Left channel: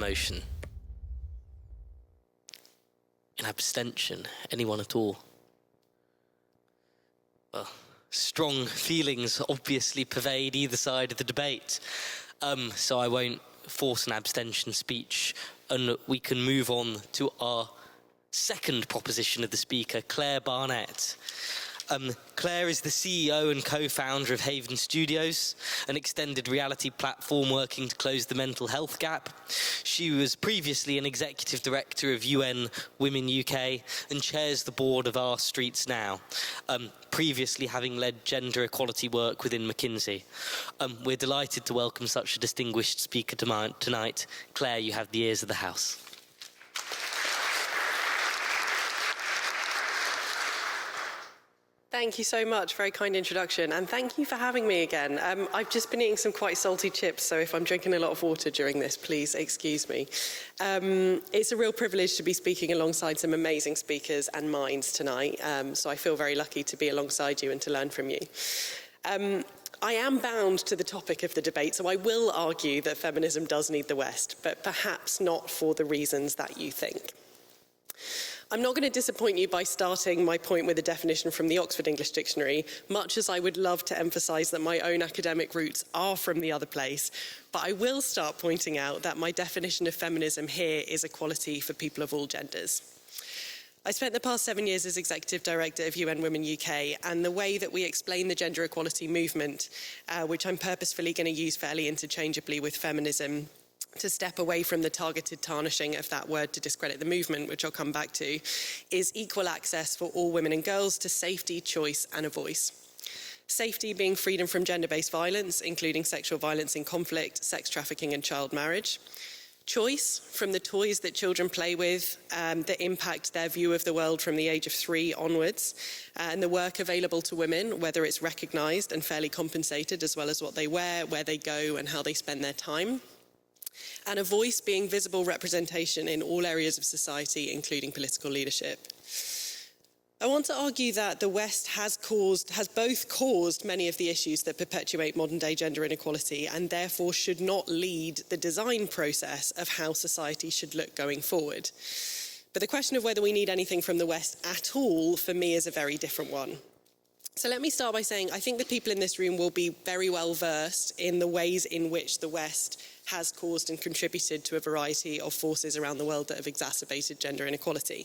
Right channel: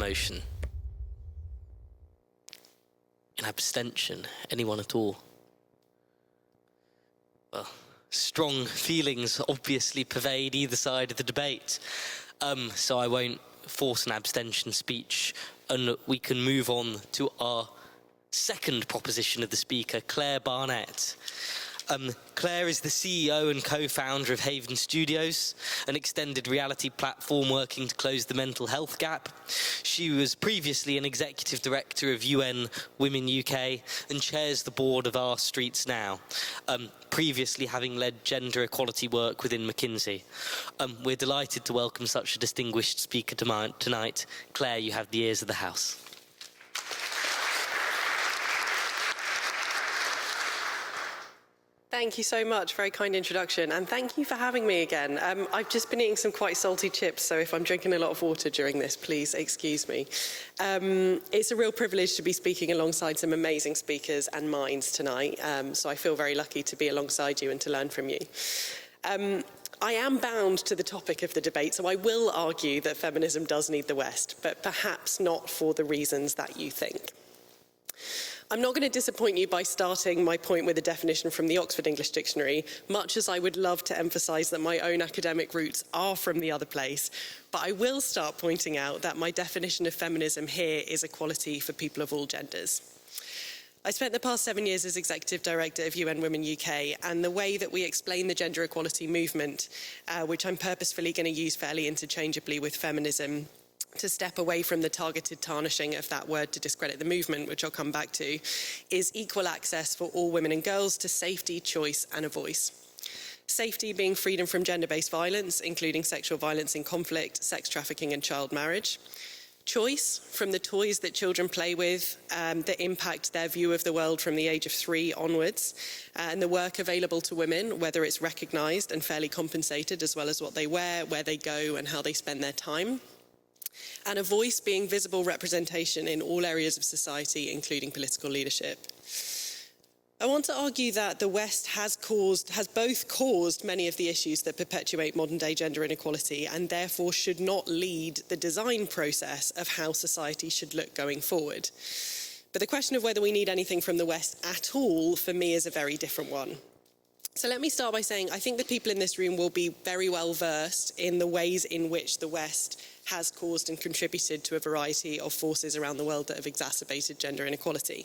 motion? An abstention? Anyone at all? Well, strong feelings obviously pervade either side of the debate, so I won't force an abstention speech, and we can move on to our second proposition of the speaker, Claire Barnett. Claire is the CEO and co-founder of Haven Studios, an extended reality platform working to close the mental health gap. She was previously an executive director of UN Women UK and chairs the board of Our Streets Now, previously having led gender equality work within McKinsey. We're delighted to welcome such a distinguished speaker tonight. Claire, you have the ears of the house. Thank you so much. Very kind introduction. And thank you for having me again. I've just been eating some quite salty chips, so if I'm drinking a lot of water during this, please excuse me. It's a real privilege to be speaking alongside some amazing speakers and minds tonight, so I feel very lucky to be alongside you and to learn from you. I am bound to the topic of the debate, so I will argue that feminism does need the West, but perhaps not for the reasons that you think. I'm not going to disappoint you by starting my point with a definition from the Oxford English Dictionary, much as I would love to emphasise that my own academic roots are from the other place, but I will start pointing out that my definition of feminism here is equality for people of all genders. I spent the past 7 years as Executive Director of UN Women UK, and the way that we explain the gender equality movement, which I'm purposefully going to use fairly interchangeably with feminism, to step away from the targeted tarnishing of that word to discredit the movement, which I'll come back to, is equal access for all women and girls to safety, choice and a voice. Safety being freedom from gender-based violence, including sexual violence in conflict, sex trafficking and child marriage. Choice from the toys that children play with that impact their view of the world from the age of 3 onwards, and the work available to women, whether it's recognised and fairly compensated, as well as what they wear, where they go and how they spend their time. And a voice being visible representation in all areas of society, including political leadership. I want to argue that the West has both caused many of the issues that perpetuate modern-day gender inequality, and therefore should not lead the design process of how society should look going forward. But the question of whether we need anything from the West at all, for me, is a very different one. So let me start by saying I think that people in this room will be very well versed in the ways in which the West has caused and contributed to a variety of forces around the world that have exacerbated gender inequality.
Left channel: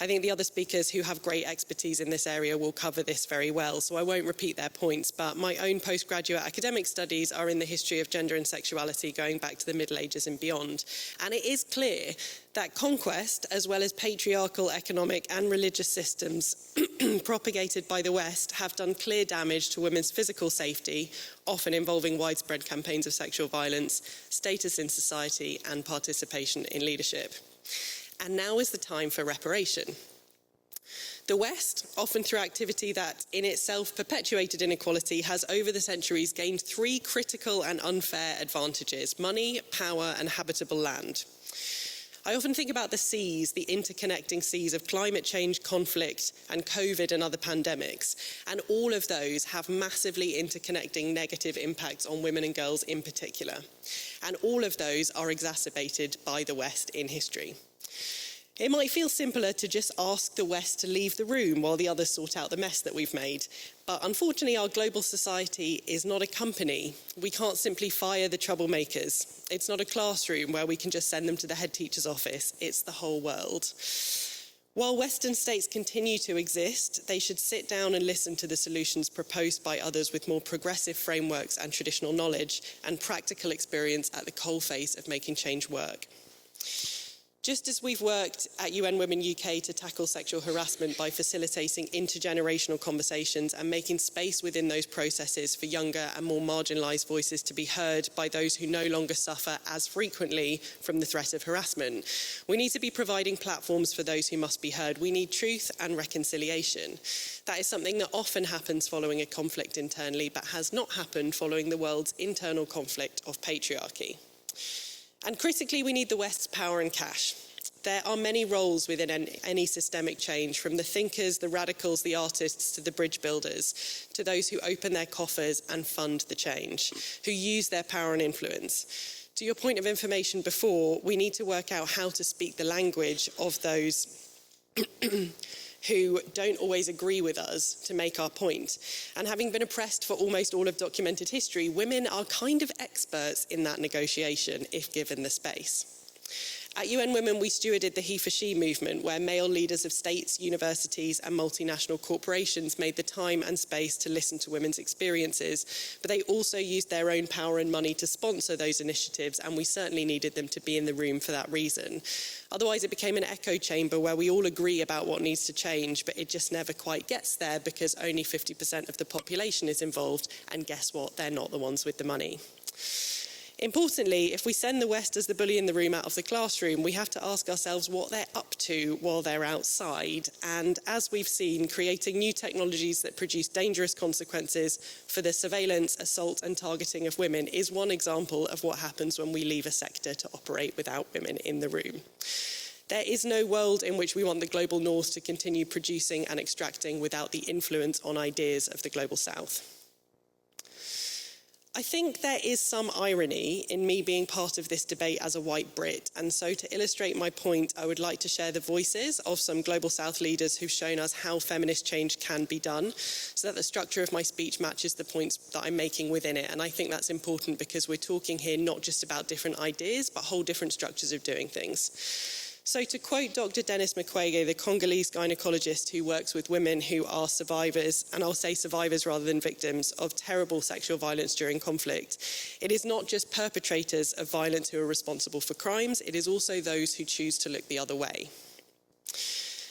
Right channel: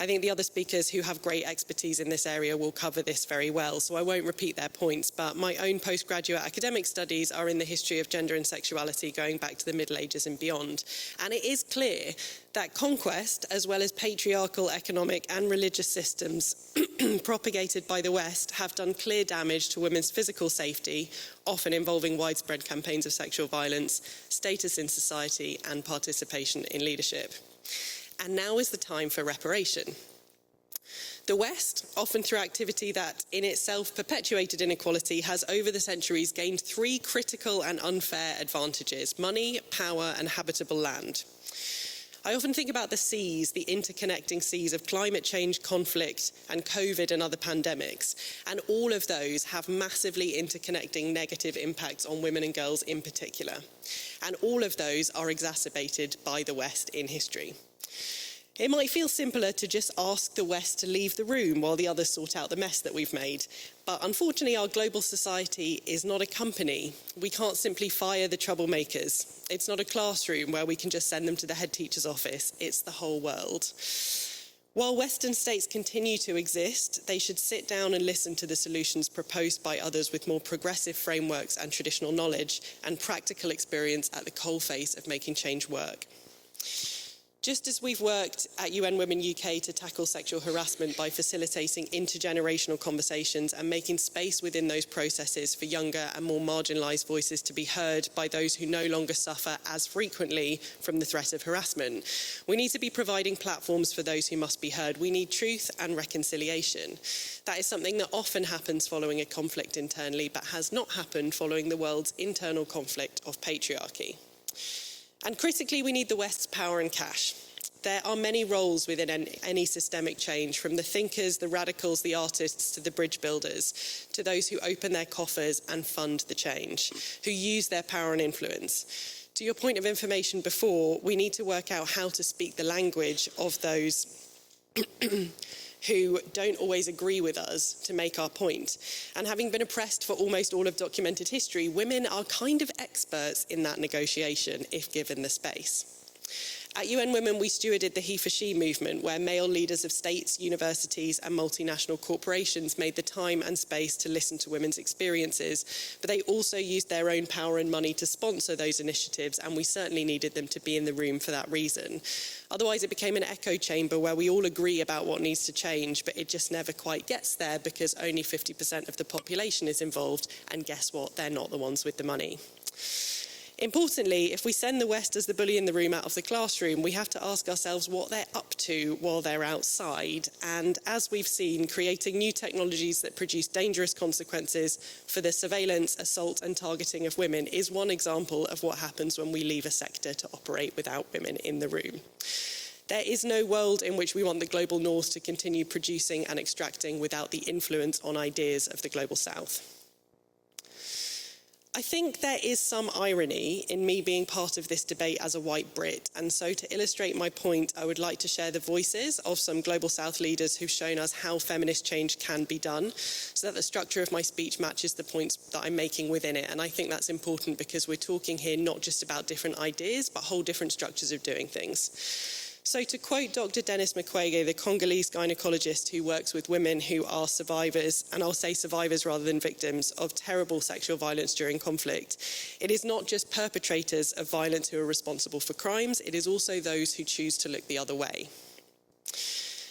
I think the other speakers who have great expertise in this area will cover this very well, so I won't repeat their points, but my own postgraduate academic studies are in the history of gender and sexuality going back to the Middle Ages and beyond. And it is clear that conquest, as well as patriarchal, economic and religious systems propagated by the West, have done clear damage to women's physical safety, often involving widespread campaigns of sexual violence, status in society and participation in leadership. And now is the time for reparation. The West, often through activity that in itself perpetuated inequality, has over the centuries gained 3 critical and unfair advantages: money, power and habitable land. I often think about the seas, the interconnecting seas of climate change, conflict and COVID and other pandemics, and all of those have massively interconnecting negative impacts on women and girls in particular. And all of those are exacerbated by the West in history. It might feel simpler to just ask the West to leave the room while the others sort out the mess that we've made. But unfortunately, our global society is not a company. We can't simply fire the troublemakers. It's not a classroom where we can just send them to the head teacher's office. It's the whole world. While Western states continue to exist, they should sit down and listen to the solutions proposed by others with more progressive frameworks and traditional knowledge and practical experience at the coalface of making change work. Just as we've worked at UN Women UK to tackle sexual harassment by facilitating intergenerational conversations and making space within those processes for younger and more marginalised voices to be heard by those who no longer suffer as frequently from the threat of harassment, we need to be providing platforms for those who must be heard. We need truth and reconciliation. That is something that often happens following a conflict internally, but has not happened following the world's internal conflict of patriarchy. And critically, we need the West's power and cash. There are many roles within any systemic change, from the thinkers, the radicals, the artists, to the bridge builders, to those who open their coffers and fund the change, who use their power and influence. To your point of information before, we need to work out how to speak the language of those who don't always agree with us to make our point. And having been oppressed for almost all of documented history, women are kind of experts in that negotiation if given the space. At UN Women, we stewarded the he for she movement, where male leaders of states, universities and multinational corporations made the time and space to listen to women's experiences, but they also used their own power and money to sponsor those initiatives, and we certainly needed them to be in the room for that reason. Otherwise, it became an echo chamber where we all agree about what needs to change, but it just never quite gets there because only 50% of the population is involved, and guess what? They're not the ones with the money. Importantly, if we send the West as the bully in the room out of the classroom, we have to ask ourselves what they're up to while they're outside. And as we've seen, creating new technologies that produce dangerous consequences for the surveillance, assault and targeting of women is one example of what happens when we leave a sector to operate without women in the room. There is no world in which we want the global north to continue producing and extracting without the influence on ideas of the global south. I think there is some irony in me being part of this debate as a white Brit, and so to illustrate my point, I would like to share the voices of some Global South leaders who've shown us how feminist change can be done, so that the structure of my speech matches the points that I'm making within it. And I think that's important because we're talking here not just about different ideas, but whole different structures of doing things. So to quote Dr. Dennis Mukwege, the Congolese gynecologist who works with women who are survivors, and I'll say survivors rather than victims, of terrible sexual violence during conflict, it is not just perpetrators of violence who are responsible for crimes, it is also those who choose to look the other way.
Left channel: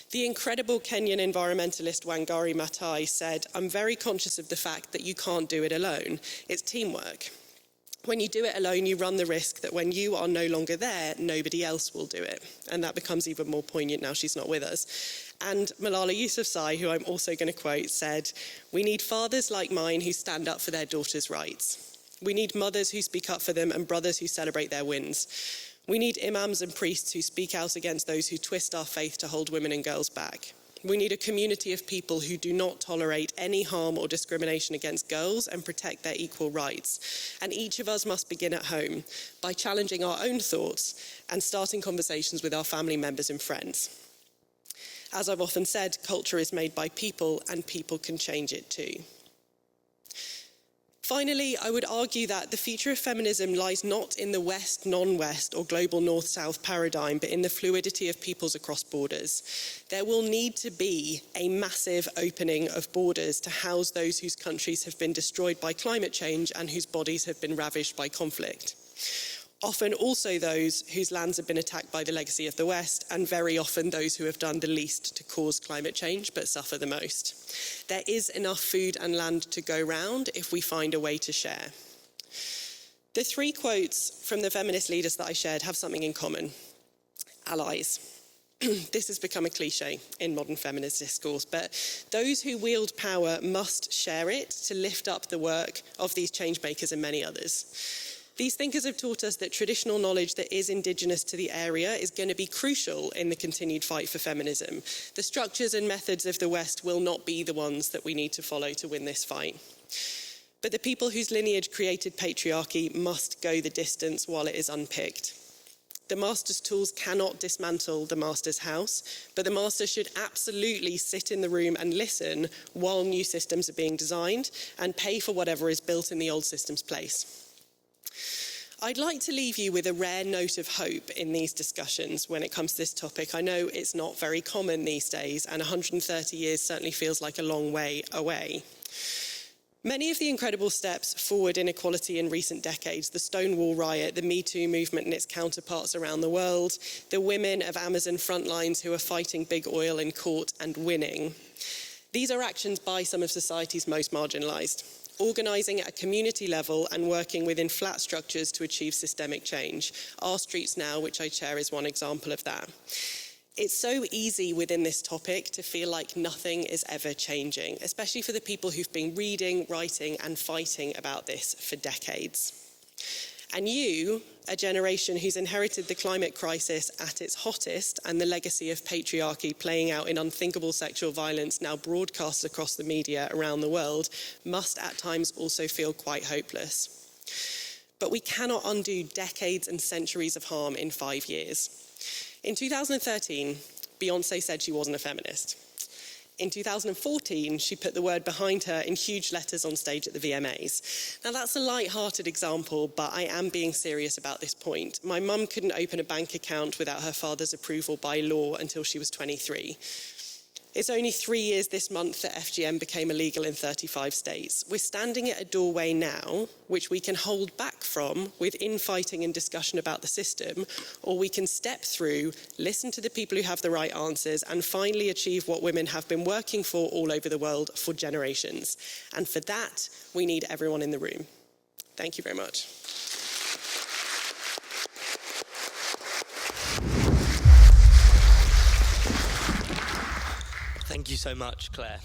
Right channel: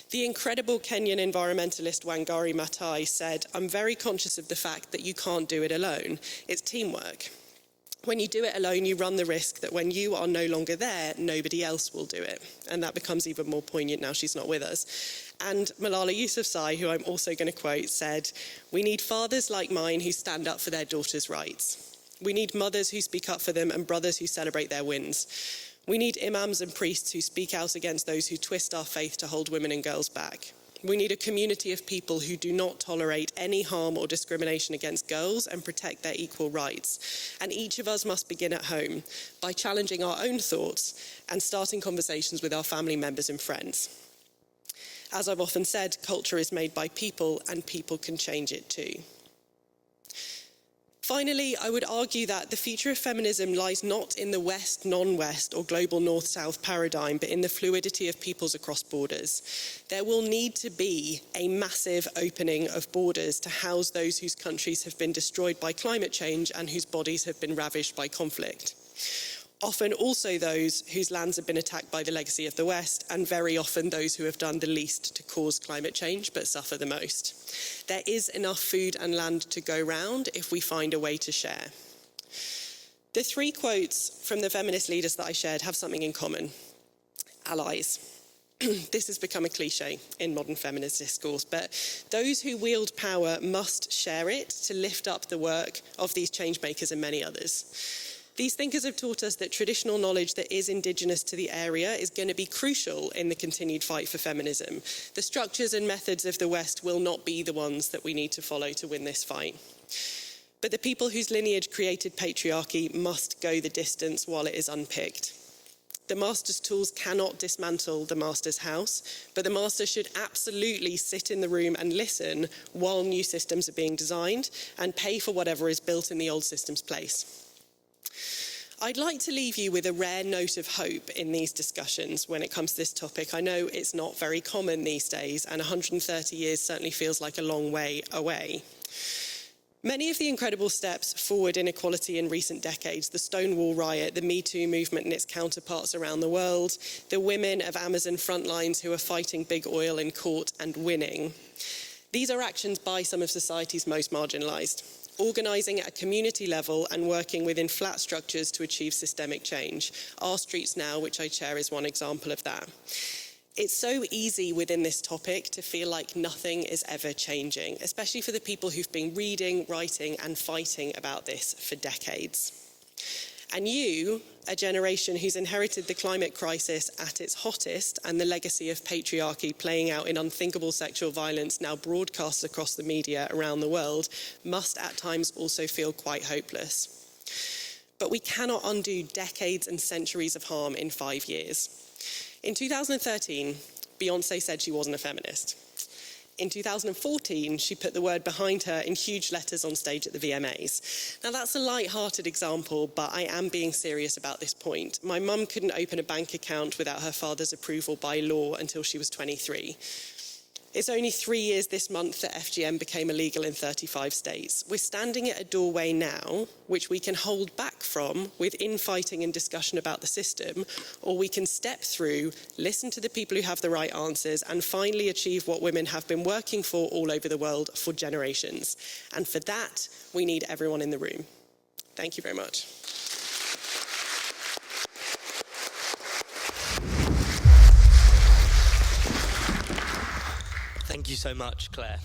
The incredible Kenyan environmentalist Wangari Maathai said, "I'm very conscious of the fact that you can't do it alone. It's teamwork. When you do it alone, you run the risk that when you are no longer there, nobody else will do it." And that becomes even more poignant now she's not with us. And Malala Yousafzai, who I'm also going to quote, said, "We need fathers like mine who stand up for their daughters' rights. We need mothers who speak up for them and brothers who celebrate their wins. We need imams and priests who speak out against those who twist our faith to hold women and girls back. We need a community of people who do not tolerate any harm or discrimination against girls and protect their equal rights. And each of us must begin at home by challenging our own thoughts and starting conversations with our family members and friends. As I've often said, culture is made by people and people can change it too." Finally, I would argue that the future of feminism lies not in the West, non-West or global North-South paradigm, but in the fluidity of peoples across borders. There will need to be a massive opening of borders to house those whose countries have been destroyed by climate change and whose bodies have been ravished by conflict. Often also those whose lands have been attacked by the legacy of the West, and very often those who have done the least to cause climate change but suffer the most. There is enough food and land to go round if we find a way to share. The three quotes from the feminist leaders that I shared have something in common: allies. This has become a cliche in modern feminist discourse, but those who wield power must share it to lift up the work of these change makers and many others. These thinkers have taught us that traditional knowledge that is indigenous to the area is going to be crucial in the continued fight for feminism. The structures and methods of the West will not be the ones that we need to follow to win this fight. But the people whose lineage created patriarchy must go the distance while it is unpicked. The master's tools cannot dismantle the master's house, but the master should absolutely sit in the room and listen while new systems are being designed and pay for whatever is built in the old system's place. I'd like to leave you with a rare note of hope in these discussions when it comes to this topic. I know it's not very common these days, and 130 years certainly feels like a long way away. Many of the incredible steps forward in equality in recent decades, the Stonewall riot, the Me Too movement and its counterparts around the world, the women of Amazon frontlines who are fighting big oil in court and winning, these are actions by some of society's most marginalised. Organising at a community level and working within flat structures to achieve systemic change. Our Streets Now, which I chair, is one example of that. It's so easy within this topic to feel like nothing is ever changing, especially for the people who've been reading, writing and fighting about this for decades. And you, a generation who's inherited the climate crisis at its hottest and the legacy of patriarchy playing out in unthinkable sexual violence now broadcast across the media around the world, must at times also feel quite hopeless. but we cannot undo decades and centuries of harm in 5 years. In 2013, Beyoncé said she wasn't a feminist. In 2014, she put the word behind her in huge letters on stage at the VMAs. Now, that's a light-hearted example, but I am being serious about this point. My mum couldn't open a bank account without her father's approval by law until she was 23. It's only 3 years this month that FGM became illegal in 35 states. We're standing at a doorway now, which we can hold back from with infighting and discussion about the system, or we can step through, listen to the people who have the right answers, and finally achieve what women have been working for all over the world for generations. And for that, we need everyone in the room. Thank you very much. Thank you so much, Claire.